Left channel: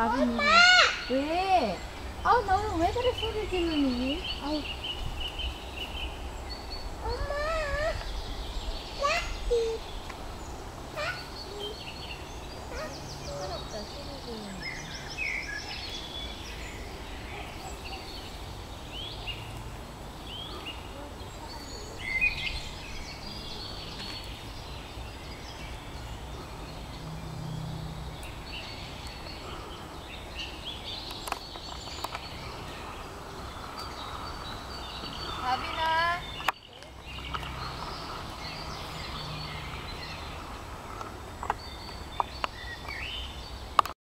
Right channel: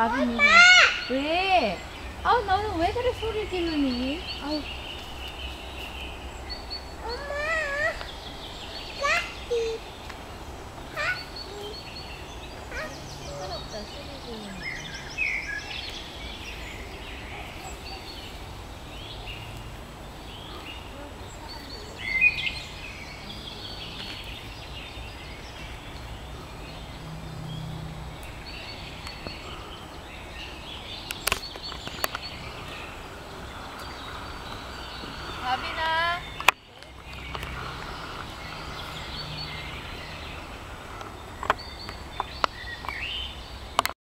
다빈이. 왜? 아, 너는 왜 그래 소리 지르니? 아우. 시끄럽다, 소리 지르니. 다빈아.